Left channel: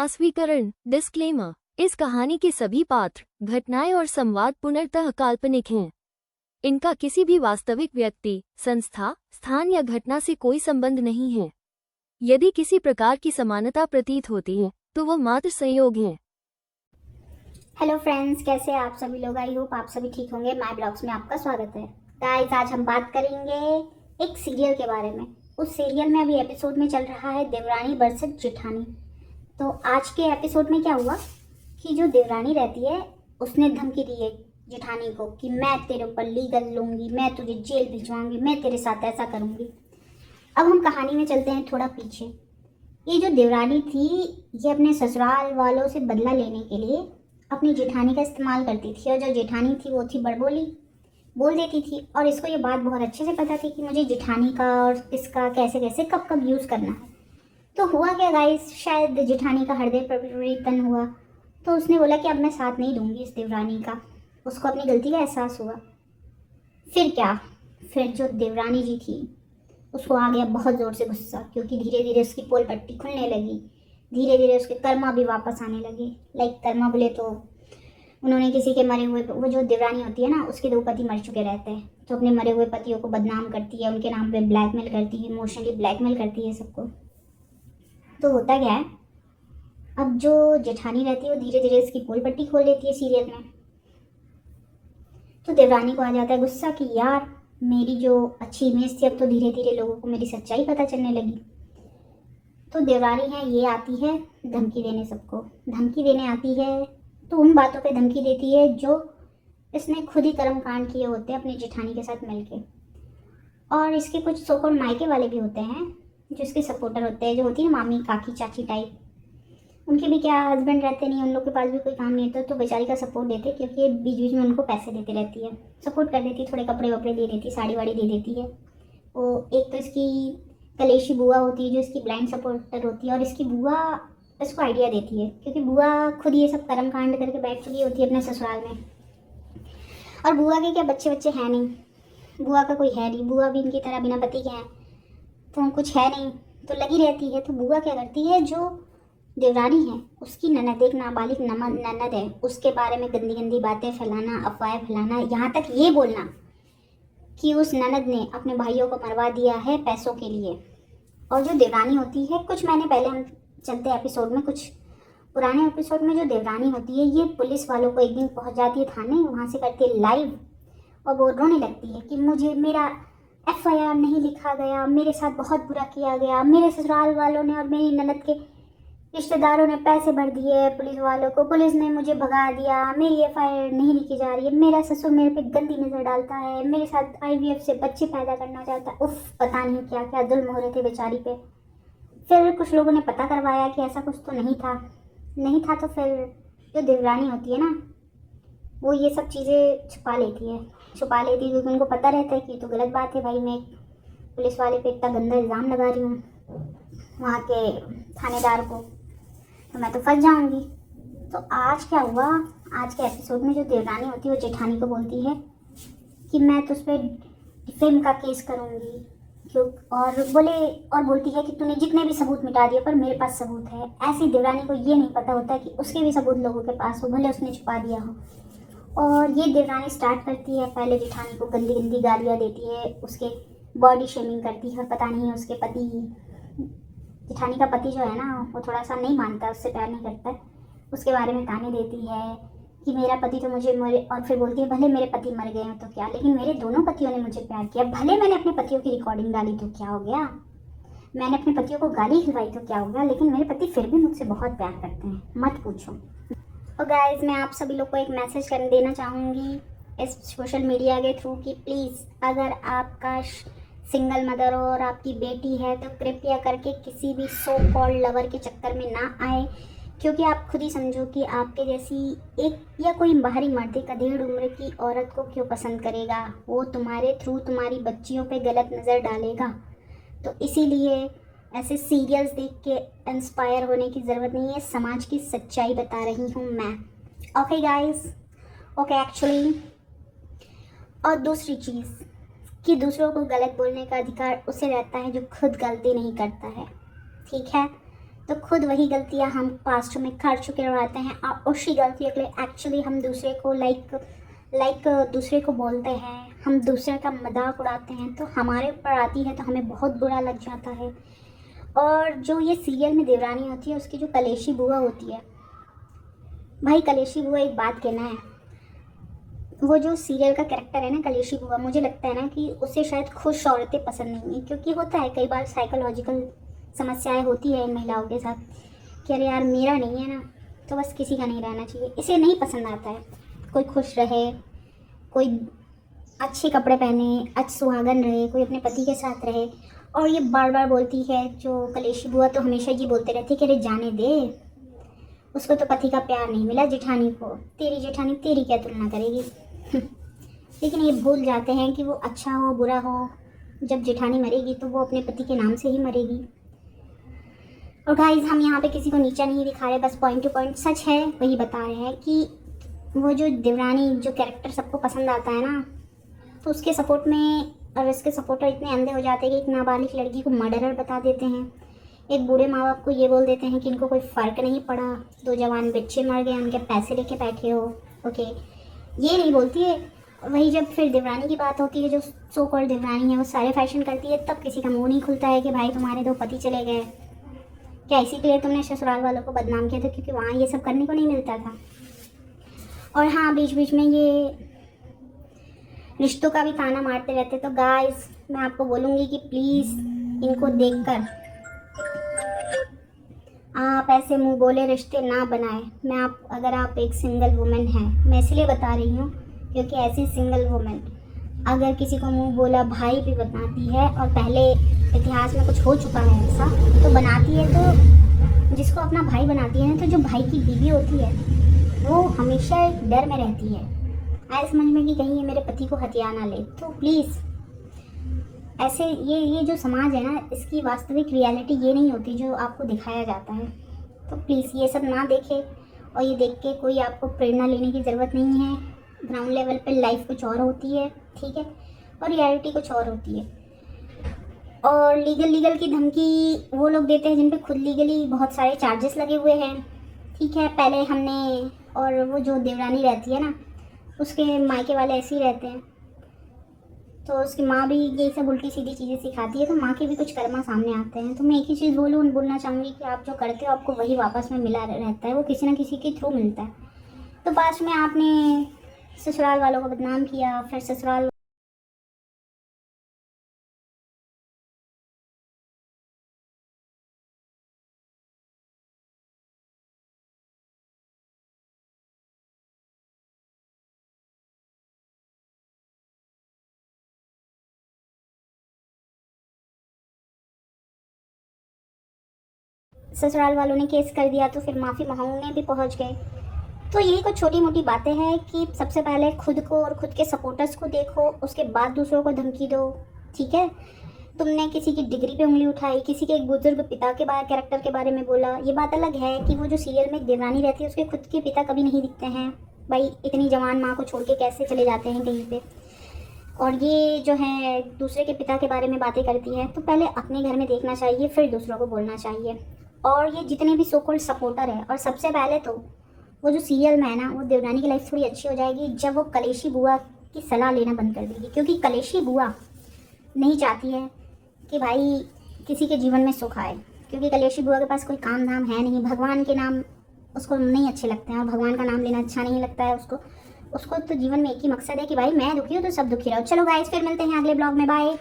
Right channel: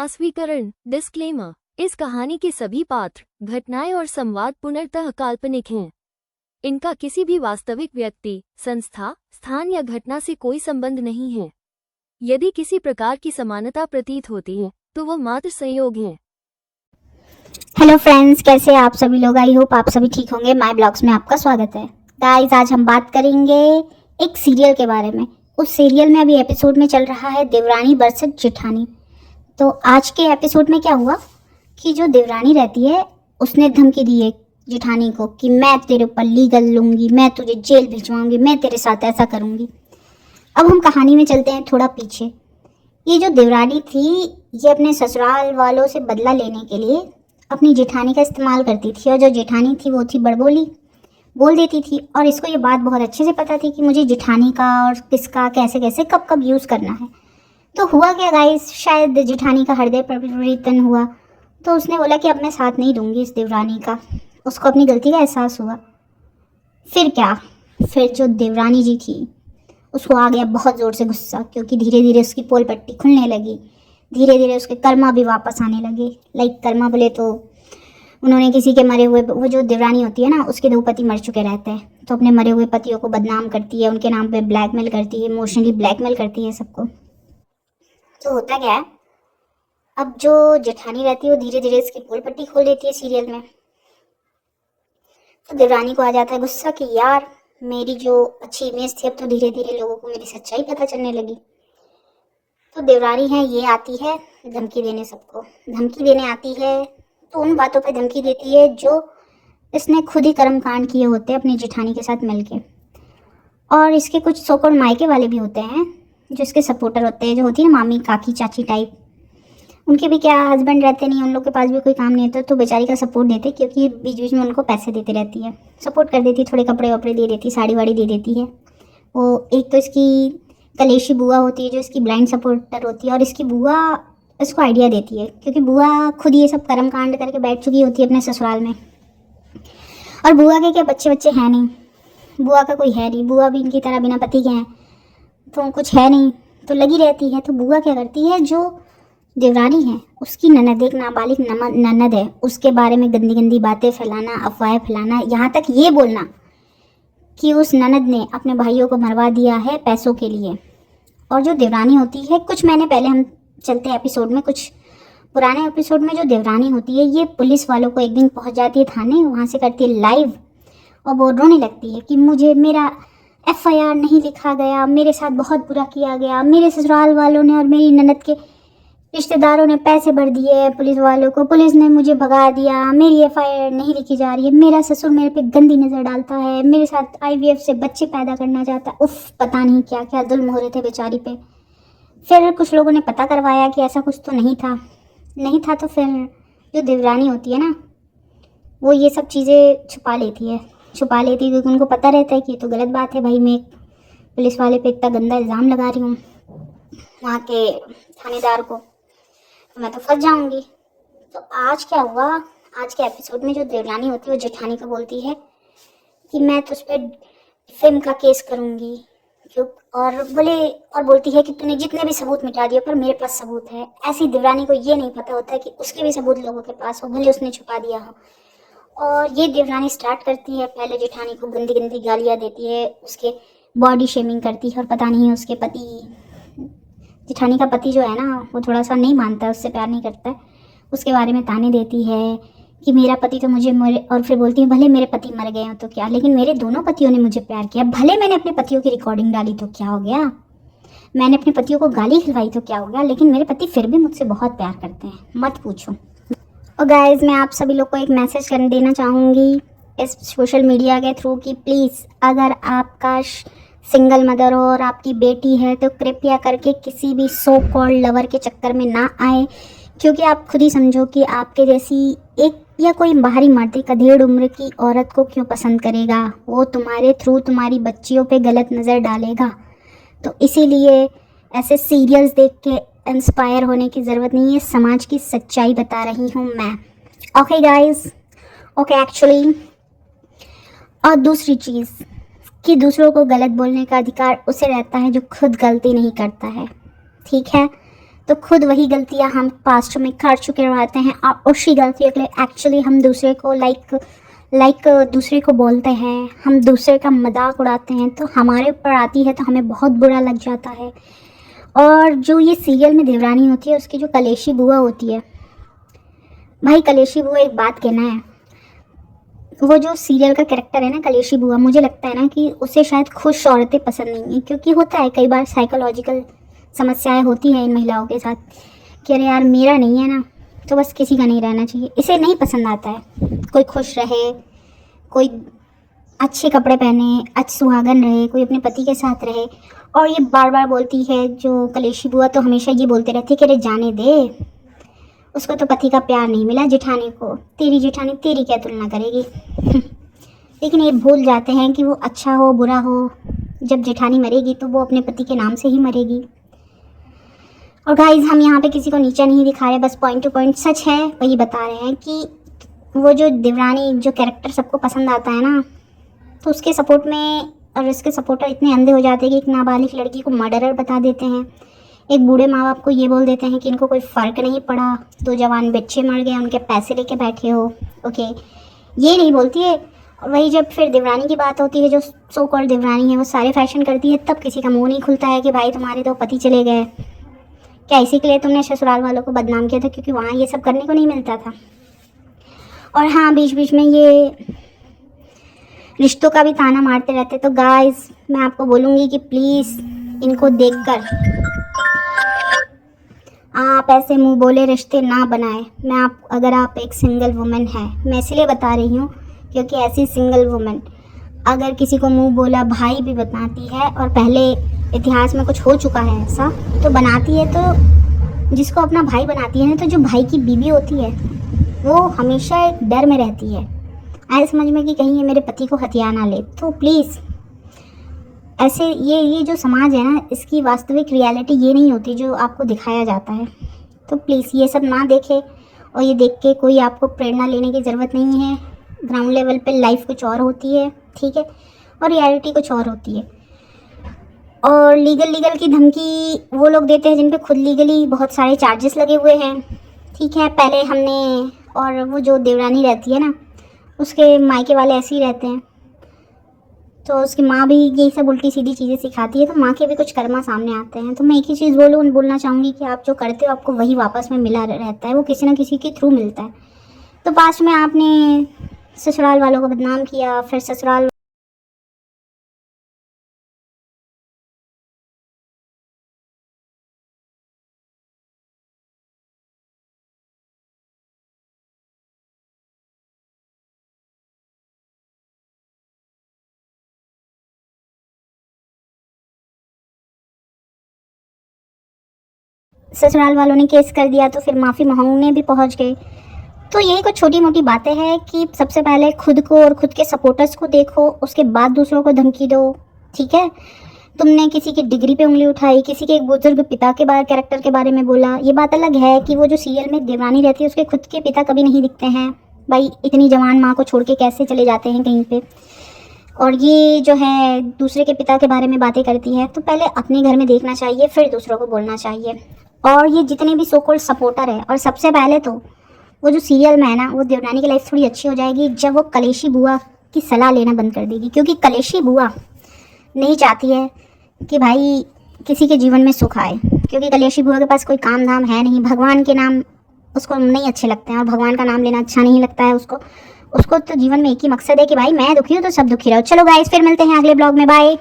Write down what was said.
अस्वीकरण disclaimer. इस कहानी के सभी पात्र, घटनाएं और संवाद पूर्णतः काल्पनिक हैं। इनका किसी भी वास्तविक व्यक्ति, संस्था, स्थान या घटना से कोई संबंध नहीं है। यदि किसी प्रकार की समानता प्रतीत होती है तो वह मात्र संयोग है। हेलो फ्रेंड्स, कैसे आप सभी लोग। आई होप आप सभी ठीक होंगे। माय ब्लॉग्स में आपका स्वागत है। गाइस, आज हम बात करेंगे एक सीरियल के बारे में। उस सीरियल में अभी एपिसोड में चल रहा है देवरानी वर्सेस जेठानी। तो आज के एपिसोड में क्या हुआ कि जो देवरानी रहती है उसने धमकी दी है जेठानी को कि मैं तेरे ऊपर लीगल लूंगी, मैं तुझे जेल भिजवाऊंगी, मैं तेरे साथ ऐसा करूंगी। अब हम कहानी में चलते हैं थोड़ा पीछे। ये जो देवरानी थी, ये अपने ससुराल वालों से बदला लेने के लिए अपनी जेठानी का इस्तेमाल करती थी। और जो जेठानी थी वो थी बड़बोली, बोल देती थी। और इसको ये बात बहुत अच्छे से पता थी कि मुझे जेठानी का और किसका कैसे कैसे कब कब यूज़ करना है। तो हुआ क्या गाइस, शायद जेठानी का हृदय परिवर्तन हुआ। तो उसने बोला कि अब मैं साथ नहीं दूंगी इस देवरानी का। उसको अपनी गलती का एहसास हुआ। फिर क्या, फिर जो देवरानी जी थी उसको आ गया बहुत ज़ोर से गुस्सा, क्योंकि धीरे धीरे उसकी पोल पट्टी खुलने लगी। धीरे धीरे उसके कर्मा भी वापस आने लगे। लाइक कर्मा बोले तो उन्होंने किसी के मरे हुए, वो जो देवरानी होती है ना, उसके 2 पति मर चुके रहते हैं, तो अपने मरे हुए पतियों को बदनाम करती है, उनके नाम पे ब्लैकमेल करती है, इमोशनली ब्लैकमेल करती है सबको। तो होता क्या है, अब जो जेठानी रहती है वो धीरे धीरे इसकी पोल पट्टी खोल देती है सीरियल में। तो देवरानी को आ जाता है गुस्सा कि यार, मेरी जो अच्छी इमेज थी अब तो धीरे धीरे लोगों को मेरी सच्चाई पता चलने लगी। तो देवरानी है ये आती है धमकी देने, सबको धमकी देने आती है। तो उन बातों पे धमकी देती है जो इसने खुद ही कर्म कांड किए होते हैं अपनी जेठानी के साथ मिलके। और इसके कुछ सोकॉल्ड मायके वाले भी होते हैं जो इसके सपोर्टर होते हैं, जो होती है ना मामी काकी चाची टाइप। उनके भी क्या हस्बैंड रहते नहीं, उन लोग के पास भी कोई काम नहीं होता, तो बेचारी का सपोर्ट देते, क्योंकि बीच बीच में उनको पैसे देती रहती है, सपोर्ट कर देती, थोड़े कपड़े वपड़े दे देती, साड़ी वाड़ी दे देती है। वो एक तो इसकी कलेशी बुआ होती है जो इसकी ब्लाइंड सपोर्टर होती है, और इसकी बुआ इसको आइडिया देती है, क्योंकि बुआ खुद ये सब कर्म कांड करके बैठ चुकी होती है अपने ससुराल में। और बुआ के क्या बच्चे बच्चे हैं नहीं, बुआ का कोई है नहीं, बुआ भी इनकी तरह बिना पति के हैं, तो कुछ है नहीं, तो लगी रहती है। तो बुआ क्या करती है, जो देवरानी है उसकी ननद, एक नाबालिग ननद है, उसके बारे में गंदी गंदी बातें फैलाना, अफवाहें फैलाना, यहाँ तक ये बोलना कि उस ननद ने अपने भाइयों को मरवा दिया है पैसों के लिए। और जो देवरानी होती है, कुछ महीने पहले, हम चलते हैं एपिसोड में, कुछ पुराने एपिसोड में, जो देवरानी होती है ये पुलिस वालों को एक दिन पहुंच जाती है थाने, वहाँ से करती है लाइव, और वो रोने लगती है कि मुझे मेरा FIR नहीं लिखा गया, मेरे साथ बहुत बुरा किया गया, मेरे ससुराल वालों ने और मेरी ननद के रिश्तेदारों ने पैसे भर दिए पुलिस वालों को, पुलिस ने मुझे भगा दिया, मेरी FIR नहीं लिखी जा रही है, मेरा ससुर मेरे पे गंदी नज़र डालता है, मेरे साथ IVF से बच्चे पैदा करना चाहता है। उफ, पता नहीं क्या क्या जुल्म हो रहे थे बेचारी पे। फिर कुछ लोगों ने पता करवाया कि ऐसा कुछ तो नहीं था। तो फिर जो देवरानी होती है ना, वो ये सब चीज़ें छुपा लेती है, क्योंकि उनको पता रहता है कि ये तो गलत बात है भाई, मैं पुलिस वाले पे इतना गंदा इल्ज़ाम लगा रही हूँ वहाँ के थानेदार को, तो मैं तो फंस जाऊंगी। तो आज क्या हुआ, आज के एपिसोड में जो देवरानी होती है वो जेठानी को बोलती है कि मैं तो उस पर फिल्म का केस करूंगी, क्यों, और बोलती है कि तूने जितने भी सबूत मिटा दिए पर मेरे पास सबूत है। ऐसी देवरानी को ये नहीं पता होता है कि उसके भी सबूत लोगों के पास हो, भले उसने छुपा दिया हो। और ये देवरानी स्टार्ट करती है, पहले जेठानी को गंदी गंदी गालियाँ देती है, उसके बॉडी शेमिंग करती है, और पता नहीं उसके पति, जेठानी का पति जो है ना, वो थोड़ा सा नहीं मानता, उससे प्यार नहीं करता है, उसके बारे में ताने देती है कि मेरा पति तो मुझे मरे, और फिर बोलती है भले मेरे पति मर गए हो तो क्या, लेकिन मेरे दोनों पतियों ने मुझे प्यार किया, भले मैंने अपने पतियों की रिकॉर्डिंग डाली तो क्या हो गया, मैंने अपने पतियों को गाली खिलवाई तो क्या हो गया, लेकिन मेरे पति फिर भी मुझसे बहुत प्यार करते हैं, मत पूछो। और गाइज, मैं आप सभी लोग को एक मैसेज कर देना चाहूँगी इस सोशल मीडिया के थ्रू कि प्लीज़, अगर आपका सिंगल मदर हो और आपकी बेटी है तो कृपया करके किसी भी सो कॉल्ड लवर के चक्कर में ना आए, क्योंकि आप खुद ही समझो कि आपके जैसी एक या कोई बाहरी मर्द एक अधेड़ उम्र की औरत को क्यों पसंद करेगा, वो तुम्हारे थ्रू तुम्हारी बच्चियों पे गलत नज़र डालेगा। तो इसीलिए ऐसे सीरियल्स देख के इंस्पायर होने की ज़रूरत नहीं है, समाज की सच्चाई बता रही हूँ मैं। Okay guys, okay actually. और दूसरी चीज़ कि दूसरों को गलत बोलने का अधिकार उसे रहता है जो खुद गलती नहीं करता है, ठीक है। तो खुद वही गलतियां हम पास्ट में कर चुके रहते हैं और उसी गलतियों के लिए एक्चुअली हम दूसरे को लाइक दूसरे को बोलते हैं, हम दूसरे का मजाक उड़ाते हैं, तो हमारे ऊपर आती है तो हमें बहुत बुरा लग जाता है। और जो ये सीरियल में देवरानी होती है, उसकी जो कलेशी बुआ होती है, भाई कलेशी बुआ, एक बात कहना है, वो जो सीरियल का कैरेक्टर है ना कलेशी बुआ, मुझे लगता है ना कि उसे शायद खुश औरतें पसंद नहीं है, क्योंकि होता है कई बार साइकोलॉजिकल समस्याएं होती हैं इन महिलाओं के साथ कि अरे यार मेरा नहीं है ना, तो बस किसी का नहीं रहना चाहिए, इसे नहीं पसंद आता है कोई खुश रहे, कोई अच्छे कपड़े पहने, अच्छे सुहागन रहे, कोई अपने पति के साथ रहे। और ये बार बार बोलती है जो कलेशी बुआ, तो हमेशा ये बोलते रहते कि अरे जाने दे, उसको तो पति का प्यार नहीं मिला, जेठानी को, तेरी जेठानी तेरी क्या तुलना करेगी। लेकिन ये भूल जाते हैं कि वो अच्छा हो बुरा हो, जब जेठानी मरेगी तो वो अपने पति के नाम से ही मरेगी। और गाइस, हम यहाँ पे किसी को नीचा नहीं दिखा रहे, बस पॉइंट टू पॉइंट सच है वही बता रहे हैं कि वो जो देवरानी जो कैरेक्टर सबको पसंद आता है ना, तो उसके सपोर्ट में और इसके सपोर्टर इतने अंधे हो जाते हैं कि एक नाबालिग लड़की को मर्डरर बता देते हैं, एक बूढ़े माँ बाप को ये बोल देते हैं कि इनको कोई फ़र्क नहीं पड़ा, 2 जवान बच्चे मर गए, उनके पैसे लेके बैठे हो, ओके, ये नहीं बोलती है। और वही जब फिर देवरानी की बात होती है, जो सो कॉल्ड देवरानी है, वो सारे फैशन करती है, तब किसी का मुंह नहीं खुलता है कि भाई तुम्हारे 2 पति चले गए, क्या इसी के लिए तुमने ससुराल वालों को बदनाम किया था, क्योंकि वहाँ ये सब करने को नहीं मिलता था। और हाँ, बीच बीच में ये रिश्तों का भी ताना मारते रहते। तो गाइस, मैं आपको बोलूँगी कि प्लीज़ इनको देखकर आप ऐसे मुंह बोले रिश्ते ना बनाएं। अगर आप एक सिंगल वुमेन हैं, मैं इसलिए बता रही हूँ क्योंकि ऐसी सिंगल वुमेन अगर किसी को मुंह बोला भाई भी बनाती है, और पहले इतिहास में कुछ हो चुका है ऐसा, तो बनाती है, तो जिसको अपना भाई बनाती है ना, तो जो भाई की बीवी होती है वो हमेशा एक डर में रहती है, ऐसे समझ में कि कहीं ये मेरे पति को हथिया ना ले। तो प्लीज़ ऐसे ये जो समाज है ना, इसकी वास्तविक रियलिटी ये नहीं होती जो आपको दिखाया जाता है। तो प्लीज़ ये सब ना देखें, और ये देख के कोई आपको प्रेरणा लेने की ज़रूरत नहीं है। ग्राउंड लेवल पे लाइफ कुछ और होती है, ठीक है, और रियलिटी कुछ और होती है। और लीगल की धमकी वो लोग देते हैं जिन पे खुद लीगली बहुत सारे चार्जेस लगे हुए हैं, ठीक है। पहले हमने, और वो जो देवरानी रहती है ना, उसके मायके वाले ऐसे ही रहते हैं, तो उसकी माँ भी यही सब उल्टी सीधी चीज़ें सिखाती है, तो माँ के भी कुछ कर्मा सामने आते हैं। तो मैं एक ही चीज़ बोलना चाहूँगी कि आप जो करते हो आपको वही वापस में मिला रहता है, वो किसी ना किसी के थ्रू मिलता है। तो पास्ट में आपने ससुराल वालों को बदनाम किया, फिर ससुराल वालों ने केस कर दिया, तो फिर माफ़ी मांगने भी पहुंच गए। तो यही कुछ छोटी मोटी बातें हैं कि सबसे पहले खुद को और खुद के सपोर्टर्स को देखो, उसके बाद दूसरों को धमकी दो, ठीक है। तुमने किसी की डिग्री पे उंगली उठाई, किसी के एक बुजुर्ग पिता के बारे कैरेक्टर के बारे में बोला, ये बात अलग है कि वो जो सीरियल में देवरानी रहती है उसके खुद के पिता कभी नहीं दिखते हैं। भाई इतनी जवान माँ को छोड़ के कैसे चले जाते हैं कहीं पे, और ये जो है दूसरे के पिता के बारे में बातें करती है। तो पहले अपने घर में देखना चाहिए, फिर दूसरों को बोलना चाहिए। और ये जितने भी सो कॉल्ड सपोर्टर है, और सबसे पहले तो वो जो सीरियल में है ना, वो देवरानी की लाइफ थोड़ी अच्छी हो जाएगी जब वो कलेशी बुआ की सलाह लेना बंद कर देगी, क्योंकि कलेशी बुआ नहीं चाहती है कि भाई किसी के जीवन में सुख आए, क्योंकि कलेशी बुआ के पास कोई काम धाम है नहीं, भगवान के नाम उसको नहीं अच्छे लगते हैं, और भगवान का नाम लेना अच्छा नहीं लगता है उसको तो जीवन में एक ही मकसद है कि भाई मैं दुखी हूँ तो सब दुखी रहो। चलो गाइस, फिर मिलते हैं अगले ब्लॉग में, बाय।